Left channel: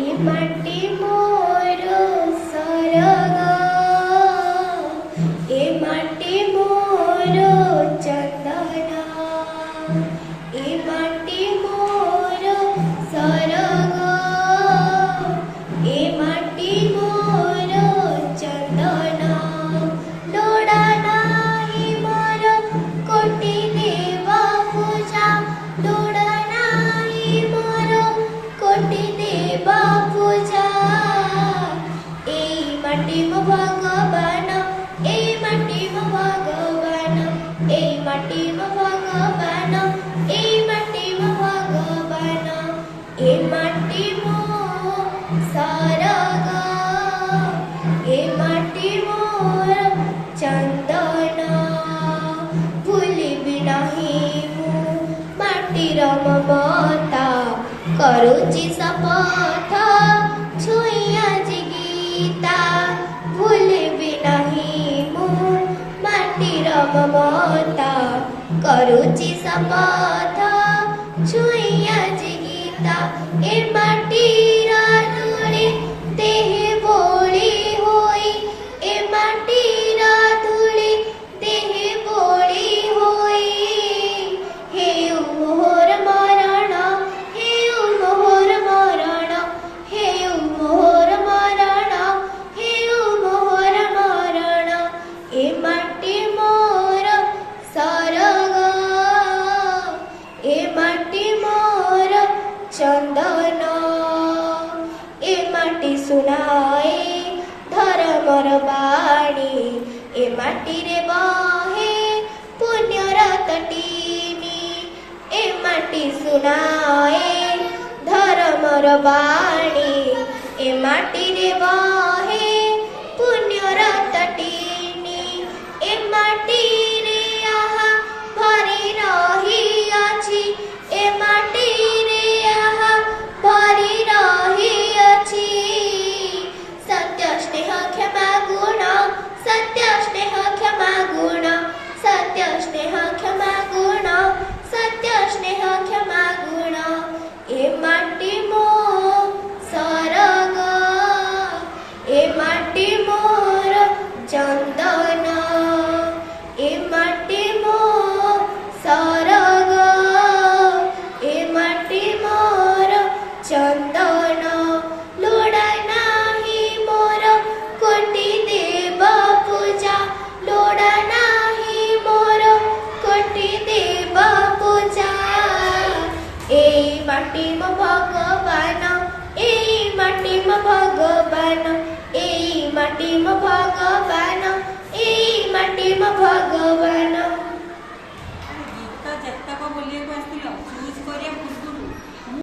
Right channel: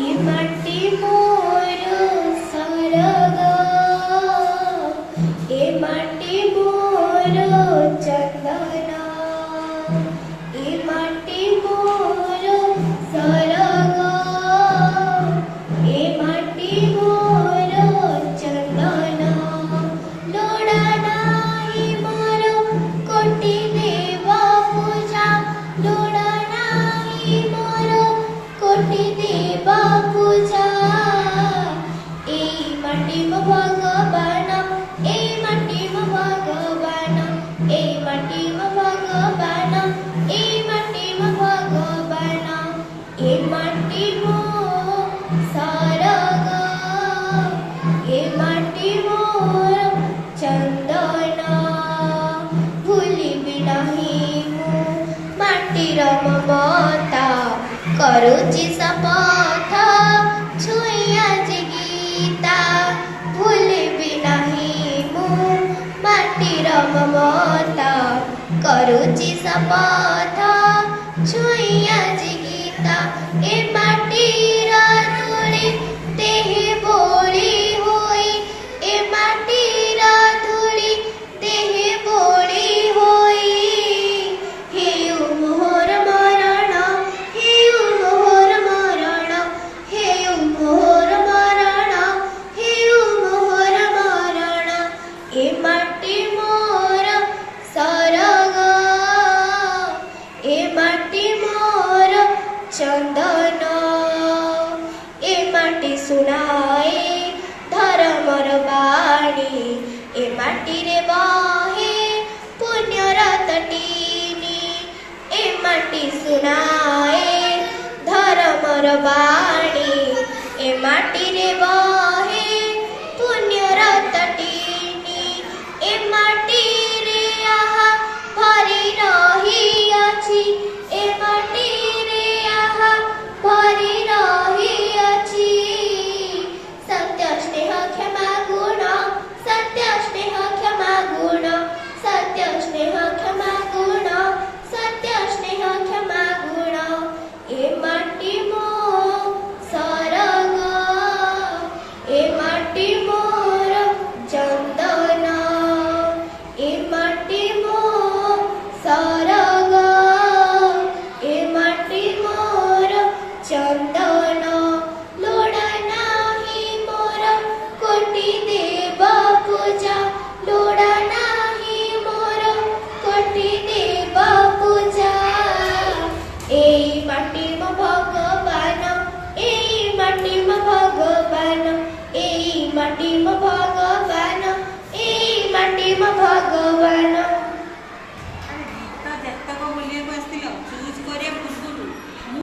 ए माटी मोर सरगा ए माटी मोर चंदना ए माटी मोर सरगा ए माटी मोर चंदना लोड़ा नाही मोर कोटी देवा पूजा लोड़ा नाही मोर कोटी देवा पूजा ए माटी मो भगवान ए माटी मो भगवान ए माटी मो भगवान ए माटी मो भगवान ए माटी मो सारगा ए माटी मोर चंदना भूली बिनाही मु माटीर ममता करुची शपथ छुई आजी गीता भूली बिनाही मु माटीर ममता करुची शपथ छुई आजी गीता ए माटीर धूଳି देहे बोली होई ए माटीर धूଳି देहे बोली होई हेयु मोहर मरण हेयु मोहर मरण हेयु मोहर मरण हेयु मोहर मरण ए माटी मोर सरगा ए माटी मोर चंदना ए माटी सुनाए धर्मर बाणी ए माटी रे बाहे पुण्यर तटीनी ए माटी सुनाए धर्मर बाणी ए माटी रे बाहे